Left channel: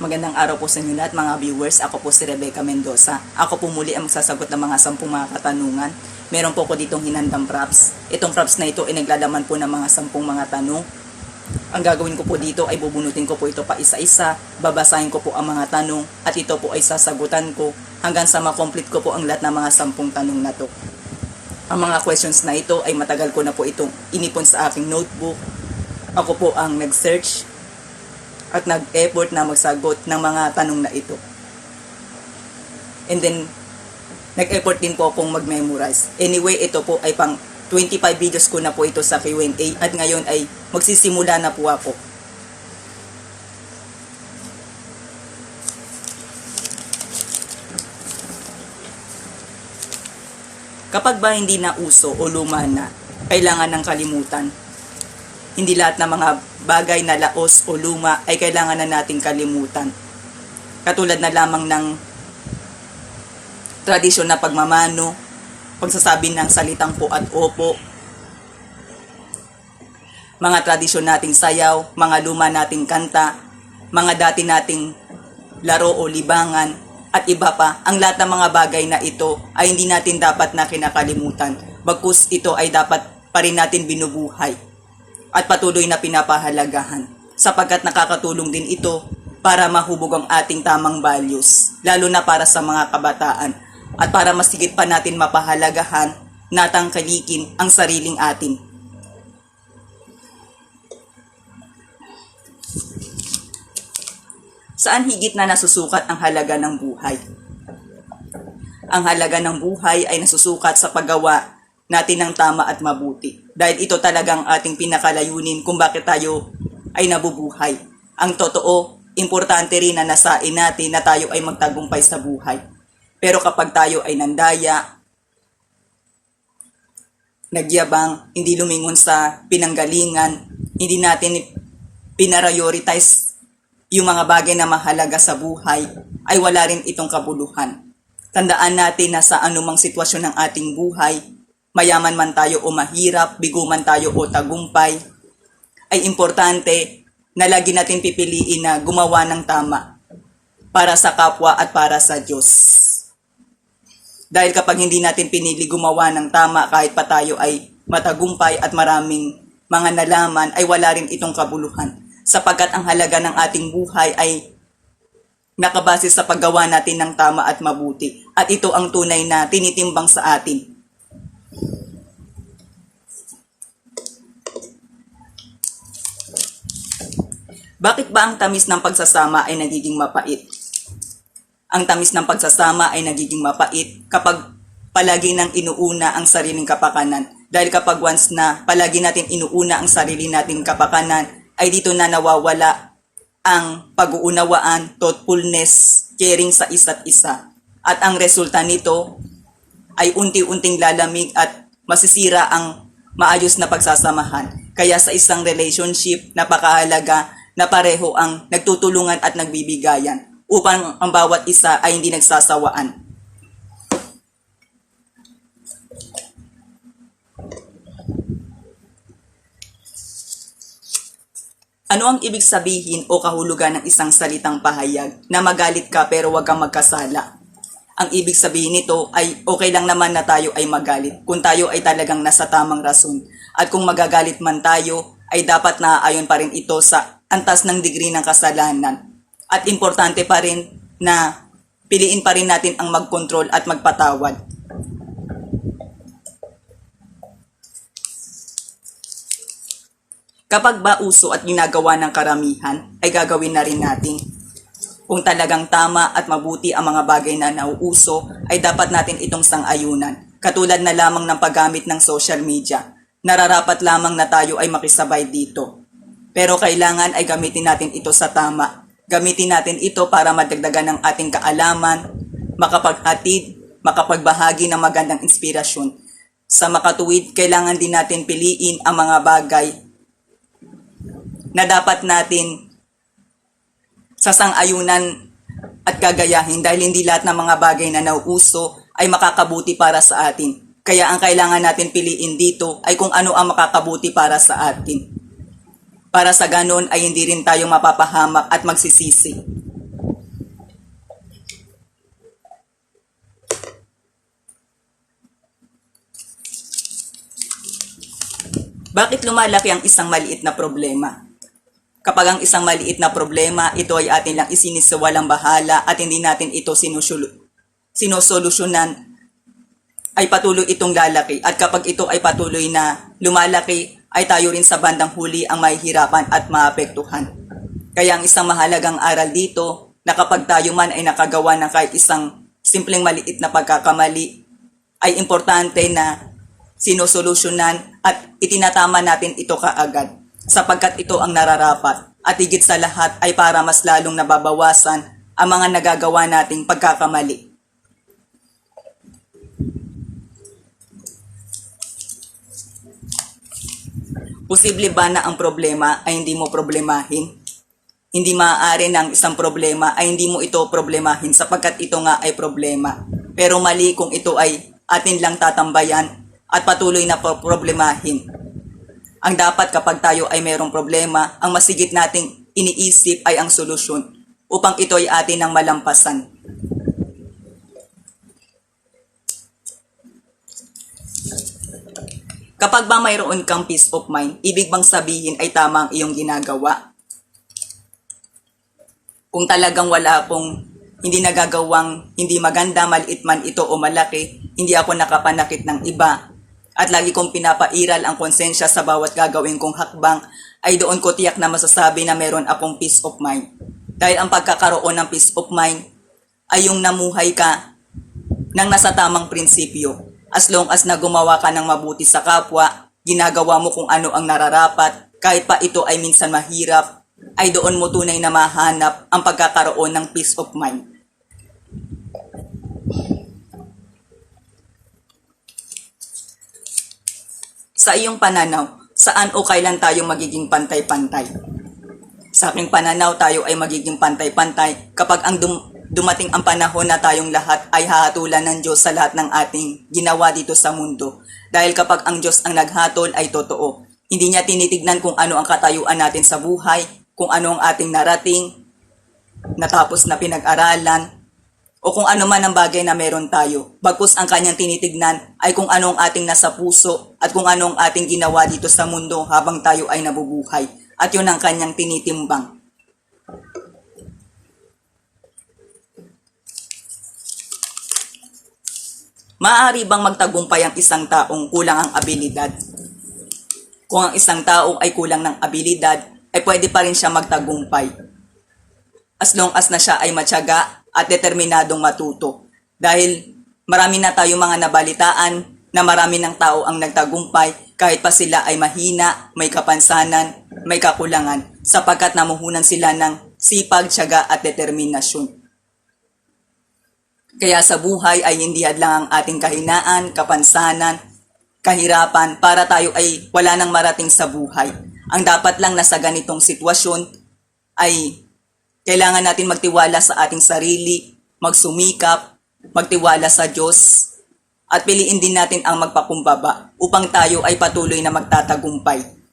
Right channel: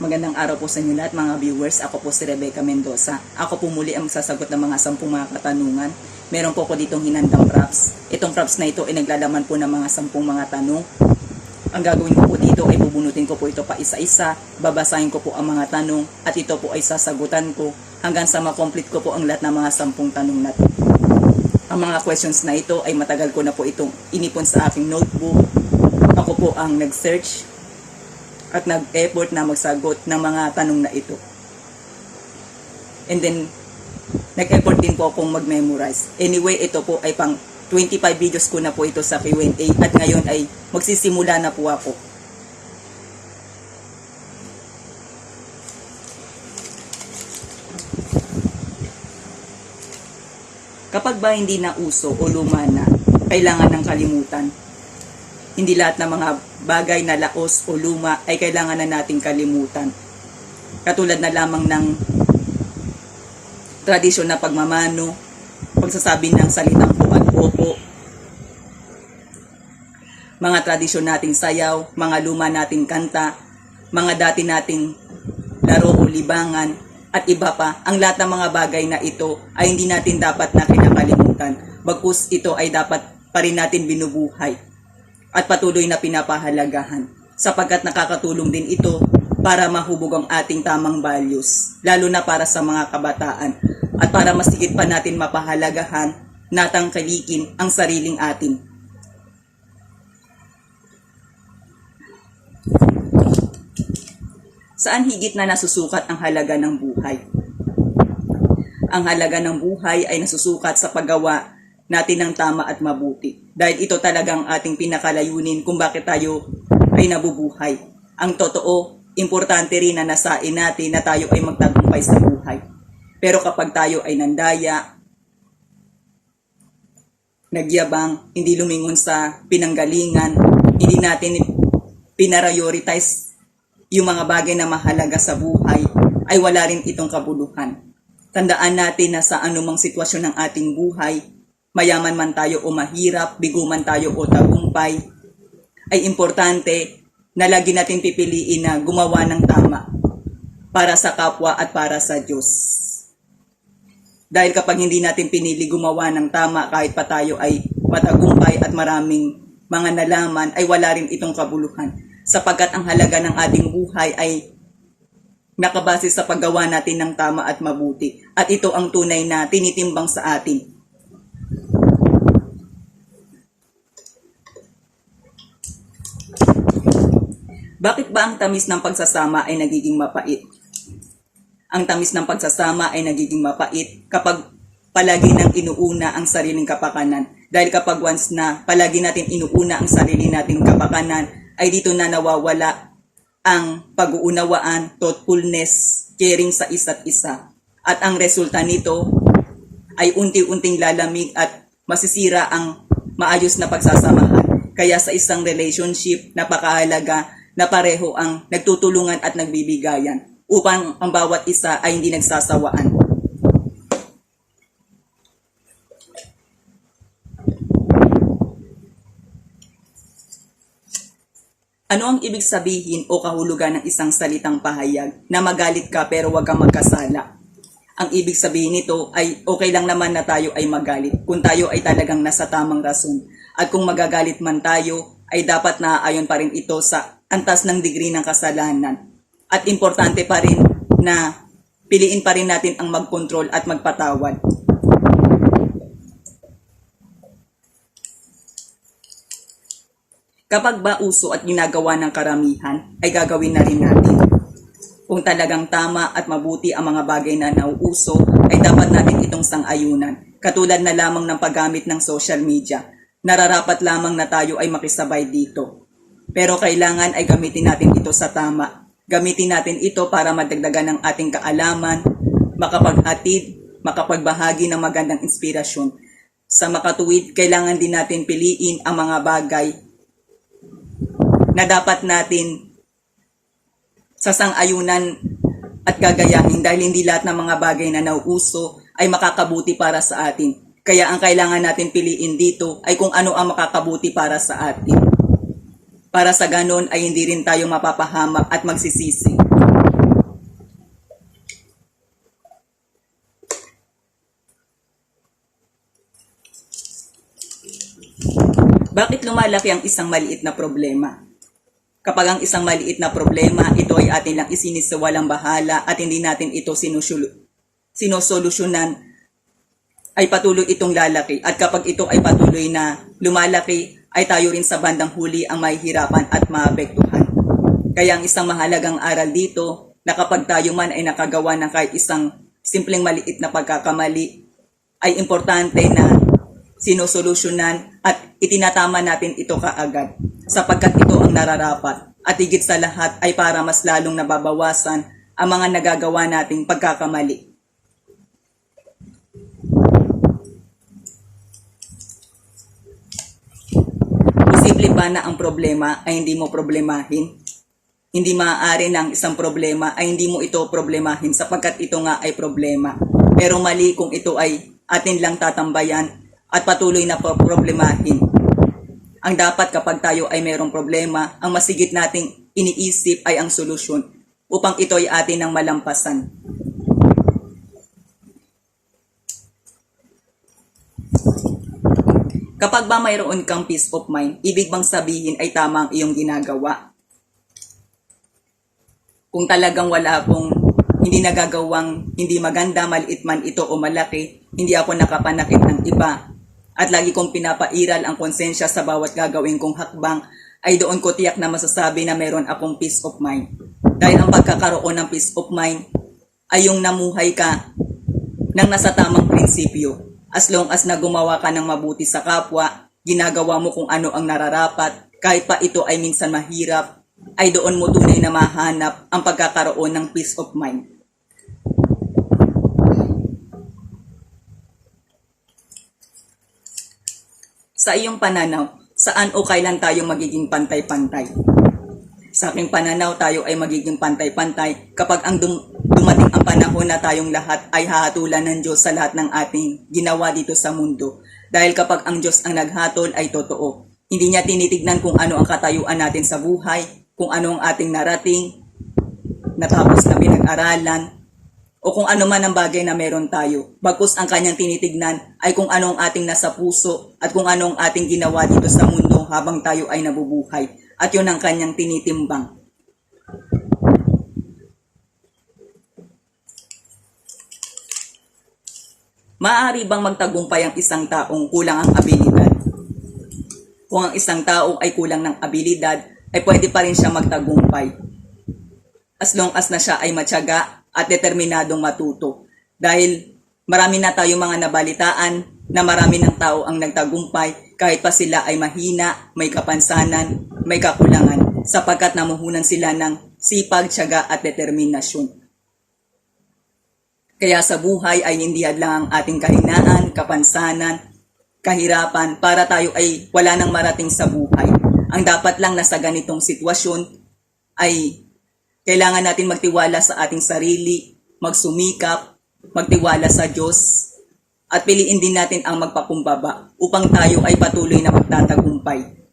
Magandang araw po sa inyo lahat mga viewers. Ako po si Rebecca Mendoza. Ako po muli ang magsasagot ng mga 10 mga katanungan. Meron po ko ditong hinandang props. Itong props na ito ay naglalaman po ng mga 10 mga tanong. Ang gagawin ko po dito ay bubunutin ko po ito pa isa-isa. Babasahin ko po ang mga tanong at ito po ay sasagutan ko hanggang sa makomplete ko po ang lahat ng mga 10 tanong na to. Ang mga questions na ito ay matagal ko na po itong inipon sa aking notebook. Ako po ang nag-search at nag-effort na magsagot ng mga tanong na ito. And then, nag-effort din po akong mag-memorize. Anyway, ito po ay pang 25 videos ko na po ito sa Q&A at ngayon ay magsisimula na po ako. Kapag ba hindi na uso o luma na, kailangan ng kalimutan. Hindi lahat ng mga bagay na laos o luma ay kailangan na nating kalimutan. Katulad na lamang ng tradisyon na pagmamano, pagsasabi ng salitang po at opo, mga tradisyon nating sayaw, mga luma nating kanta, mga dati nating laro o libangan, at iba pa. Ang lahat ng mga bagay na ito ay hindi natin dapat na kinakalimutan. Bagkus ito ay dapat pa rin natin binubuhay at patuloy na pinapahalagahan sapagkat nakakatulong din ito para mahubog ang ating tamang values, lalo na para sa mga kabataan at para mas higit pa natin mapahalagahan, natangkalikin ang sariling atin. Saan higit na nasusukat ang halaga ng buhay? Ang halaga ng buhay ay nasusukat sa paggawa natin ng tama at mabuti. Dahil ito talagang ating pinakalayunin kung bakit tayo ay nabubuhay. Ang totoo, importante rin na nasain natin na tayo ay magtagumpay sa buhay. Pero kapag tayo ay nandaya, nagyabang, hindi lumingon sa pinanggalingan, hindi natin pinarioritize yung mga bagay na mahalaga sa buhay, ay wala rin itong kabuluhan. Tandaan natin na sa anumang sitwasyon ng ating buhay, mayaman man tayo o mahirap, bigo man tayo o tagumpay, ay importante na lagi natin pipiliin na gumawa ng tama para sa kapwa at para sa Diyos. Dahil kapag hindi natin pinili gumawa ng tama kahit pa tayo ay matagumpay at maraming mga nalaman, ay wala rin itong kabuluhan. Sapagkat ang halaga ng ating buhay ay nakabase sa paggawa natin ng tama at mabuti. At ito ang tunay na tinitimbang sa atin. Bakit ba ang tamis ng pagsasama ay nagiging mapait? Ang tamis ng pagsasama ay nagiging mapait kapag palagi nang inuuna ang sariling kapakanan. Dahil kapag once na palagi natin inuuna ang sarili nating kapakanan, ay dito na nawawala ang pag-uunawaan, thoughtfulness, caring sa isa't isa. At ang resulta nito ay unti-unting lalamig at masisira ang maayos na pagsasamahan. Kaya sa isang relationship, napakahalaga na pareho ang nagtutulungan at nagbibigayan upang ang bawat isa ay hindi nagsasawaan. Ano ang ibig sabihin o kahulugan ng isang salitang pahayag na magalit ka pero wag kang magkasala? Ang ibig sabihin nito ay okay lang naman na tayo ay magalit kung tayo ay talagang nasa tamang rason. At kung magagalit man tayo, ay dapat naaayon pa rin ito sa antas ng degree ng kasalanan. At importante pa rin na piliin pa rin natin ang mag-control at magpatawad. Kapag ba uso at ginagawa ng karamihan, ay gagawin na rin natin. Kung talagang tama at mabuti ang mga bagay na nauuso, ay dapat natin itong sang-ayunan. Katulad na lamang ng paggamit ng social media. Nararapat lamang na tayo ay makisabay dito. Pero kailangan ay gamitin natin ito sa tama. Gamitin natin ito para madagdagan ng ating kaalaman, makapaghatid, makapagbahagi ng magandang inspirasyon. Sa makatuwid, kailangan din natin piliin ang mga bagay na dapat natin sasang-ayunan at gagayahin dahil hindi lahat ng mga bagay na nauuso ay makakabuti para sa atin. Kaya ang kailangan natin piliin dito ay kung ano ang makakabuti para sa atin. Para sa ganon ay hindi rin tayo mapapahamak at magsisisi. Bakit lumalaki ang isang maliit na problema? Kapag ang isang maliit na problema, ito ay atin lang isinisiwalang bahala at hindi natin ito sinusolusyonan, ay patuloy itong lalaki. At kapag ito ay patuloy na lumalaki, ay tayo rin sa bandang huli ang mahihirapan at maapektuhan. Kaya ang isang mahalagang aral dito, na kapag tayo man ay nakagawa ng kahit isang simpleng maliit na pagkakamali, ay importante na sinusolusyonan at itinatama natin ito kaagad sapagkat ito ang nararapat at higit sa lahat ay para mas lalong nababawasan ang mga nagagawa nating pagkakamali. Posible ba na ang problema ay hindi mo problemahin? Hindi maaari na ang isang problema ay hindi mo ito problemahin sapagkat ito nga ay problema. Pero mali kung ito ay atin lang tatambayan at patuloy na problemahin. Ang dapat kapag tayo ay mayroong problema, ang masigit nating iniisip ay ang solusyon upang ito ay atin ang malampasan. Kapag ba mayroon kang peace of mind, ibig bang sabihin ay tama ang iyong ginagawa? Kung talagang wala akong hindi nagagawang hindi maganda, maliit man ito o malaki, hindi ako nakapanakit ng iba, at lagi kong pinapairal ang konsensya sa bawat gagawin kong hakbang, ay doon ko tiyak na masasabi na meron akong peace of mind. Dahil ang pagkakaroon ng peace of mind ay yung namuhay ka ng nasa tamang prinsipyo. As long as na gumawa ka ng mabuti sa kapwa, ginagawa mo kung ano ang nararapat, kahit pa ito ay minsan mahirap, ay doon mo tunay na mahanap ang pagkakaroon ng peace of mind. Sa iyong pananaw, saan o kailan tayo magiging pantay-pantay? Sa aking pananaw, tayo ay magiging pantay-pantay kapag ang dumating ang panahon na tayong lahat ay hahatulan ng Diyos sa lahat ng ating ginawa dito sa mundo. Dahil kapag ang Diyos ang naghatol ay totoo. Hindi niya tinitignan kung ano ang katayuan natin sa buhay, kung ano ang ating narating, natapos na pinag-aralan, o kung ano man ang bagay na meron tayo. Bagkus ang kanyang tinitignan ay kung ano ang ating nasa puso at kung ano ang ating ginawa dito sa mundo habang tayo ay nabubuhay. At yun ang kanyang tinitimbang. Maaari bang magtagumpay ang isang taong kulang ang abilidad? Kung ang isang tao ay kulang ng abilidad, ay pwede pa rin siya magtagumpay. As long as na siya ay matyaga at determinadong matuto. Dahil marami na tayong mga nabalitaan na marami ng tao ang nagtagumpay kahit pa sila ay mahina, may kapansanan, may kakulangan sapagkat namuhunan sila ng sipag, tiyaga at determinasyon. Kaya sa buhay ay hindi hadlang ang ating kahinaan, kapansanan, kahirapan para tayo ay wala nang marating sa buhay. Ang dapat lang na sa ganitong sitwasyon ay kailangan natin magtiwala sa ating sarili, magsumikap, magtiwala sa Diyos, at piliin din natin ang magpakumbaba upang tayo ay patuloy na magtatagumpay.